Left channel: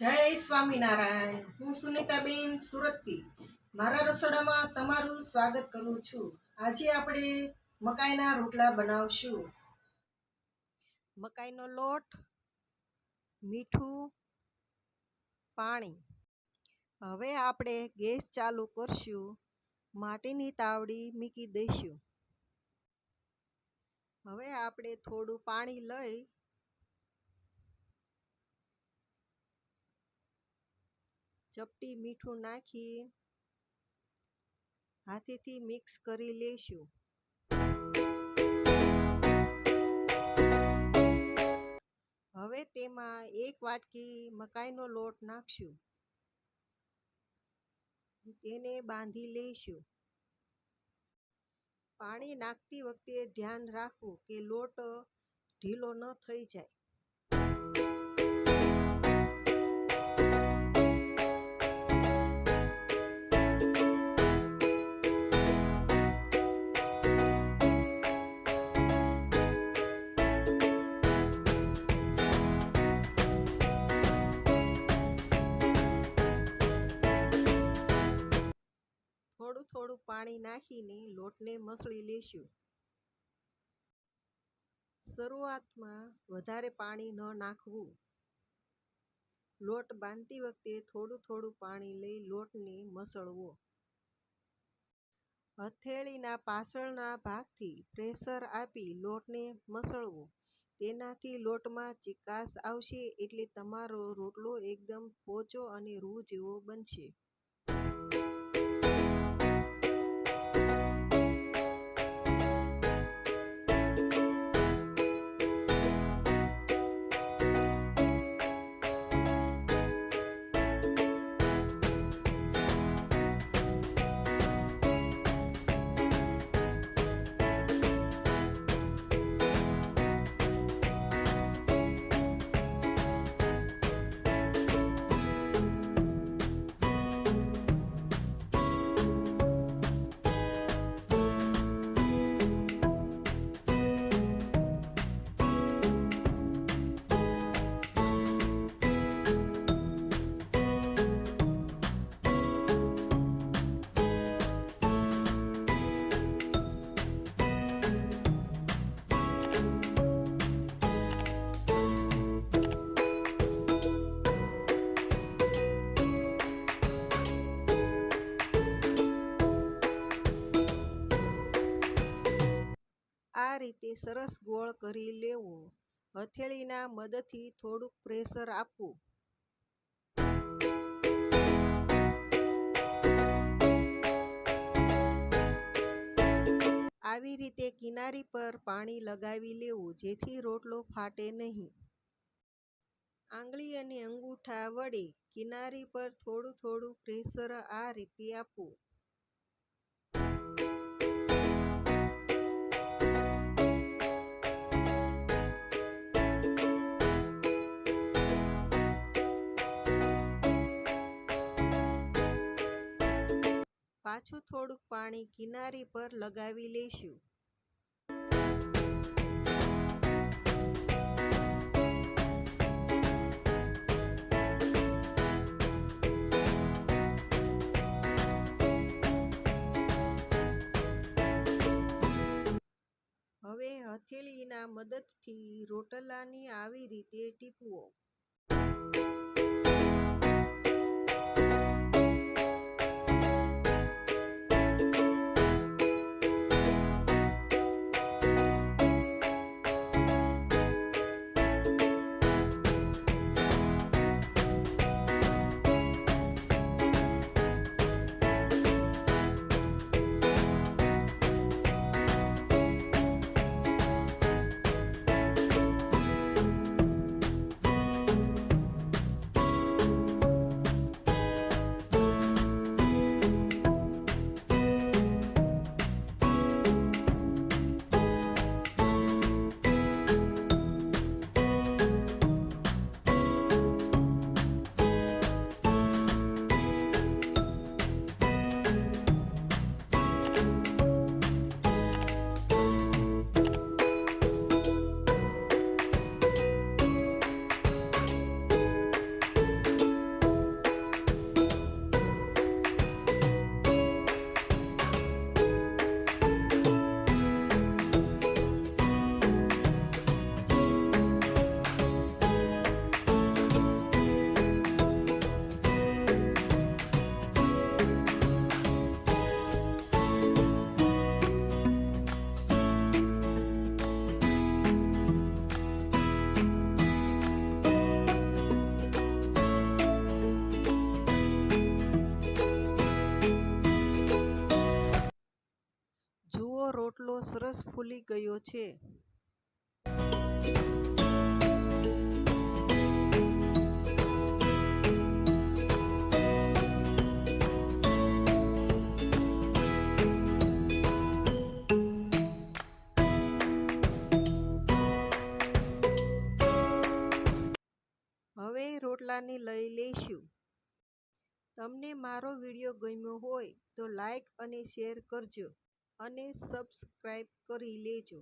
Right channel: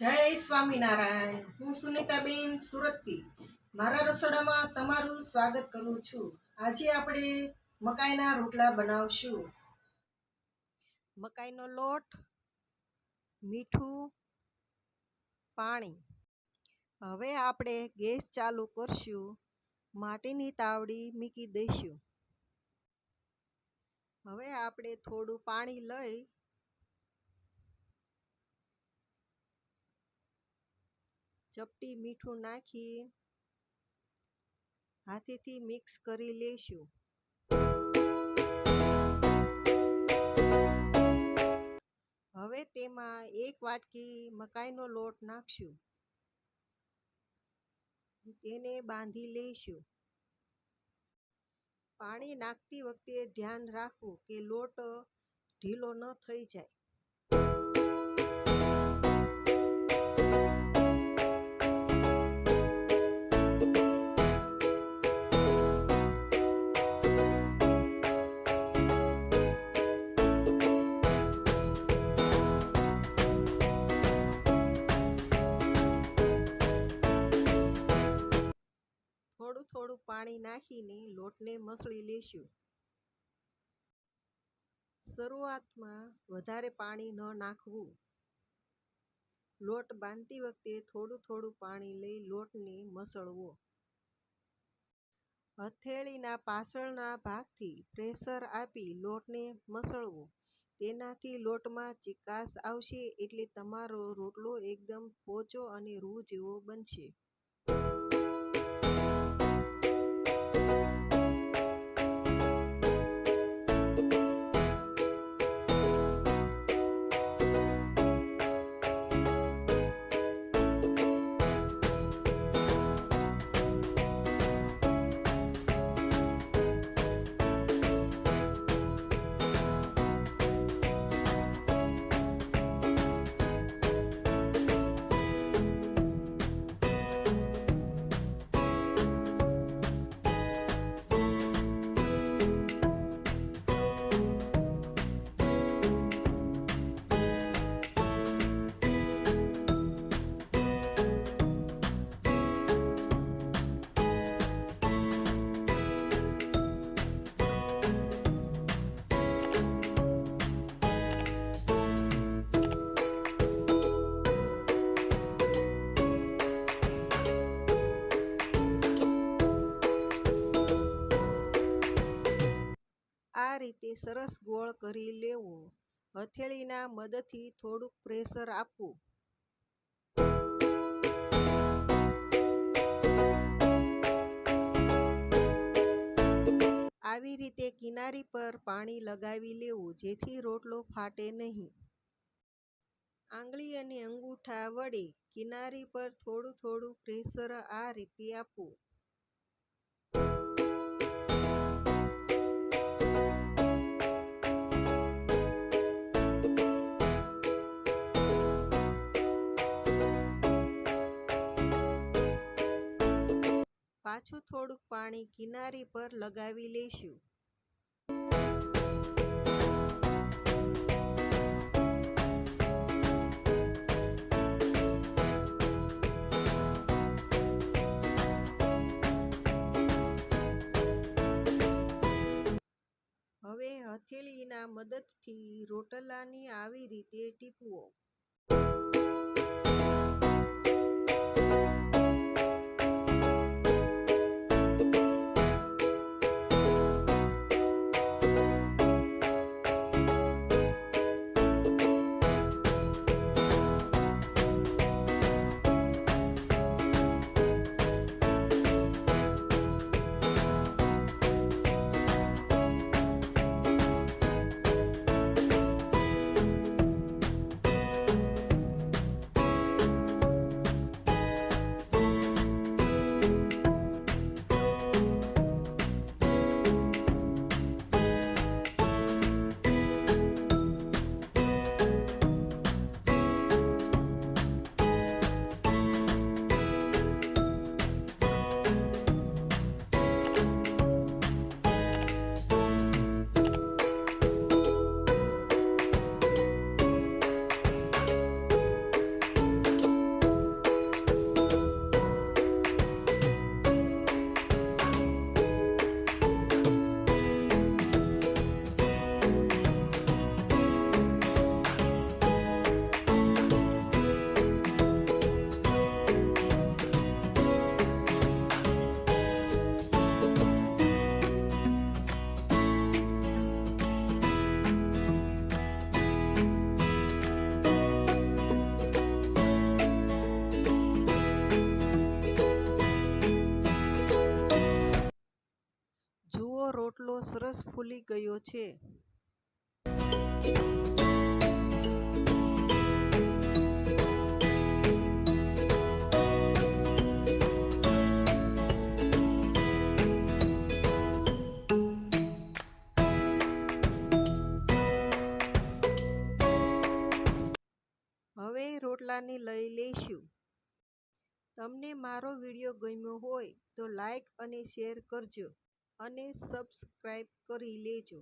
જય સ્વામિનારાયણ। હું સુનીતાબેન સુરતથી મારા રસોડામાં તમારું સ્વાગત કરું છું। આજે આપણે મકાઈના રોટલા બનાવશું। મકાઈનો લોટ, મીઠું, પાણી। હવે આપણે ગેસ ચાલુ કરશું। માટીની તાવડી મૂકી દઈશું। હવે આપણે થોડું પાણી લઈ ચપટી મીઠું નાખી હાથેથી મિક્સ કરી લેશું। હવે તેમાં એક વાટકી મકાઈનો લોટ નાખશું। તેને બાંધી લઈશું। પાણી નાખતી વખતે ધ્યાન રાખવું કે લોટ ઢીલો ન થઈ જાય। થોડું પાણી નાખીને લોટને મસળી લેશું। શરૂઆતમાં વધારે પાણી ન નાખવું। લોટ બાંધતી વખતે થોડું પાણી લઈ લોટને મસળવો। હથેળીના પાછળના ભાગથી પ્રેશર આપી લોટને મસળવો। તેનાથી લોટમાં ચીકાશ આવશે એટલે તમારો રોટલો એકદમ પોચો અને રૂ જેવો બનશે। આ રીતે સરસ ગોળ કરી લેવો। હથેળીના મદદથી થોડુંક પ્રેશર આપવું। આવી રીતે કિનારી પર પાણી લગાવી લેવું જેથી રોટલો ફાટે નહીં। આંગળી અને અંગૂઠા વડે કિનારી પર થોડું પ્રેશર આ રીતે આપવું। પાછું થોડુંક પાણી કિનારી પર લગાવી લઈશું। હવે હથેળીના મદદથી રોટલાની આવી રીતે ટીપવો। રોટલો સરસ ફૂલી ગયો છે. હવે રોટલાને લઈ લઈશું. તમને મારો વિડીયો ગમ્યો હોય તો લાઈક અને શેર કરજો અને સબસ્ક્રાઈબ કરી લેજો.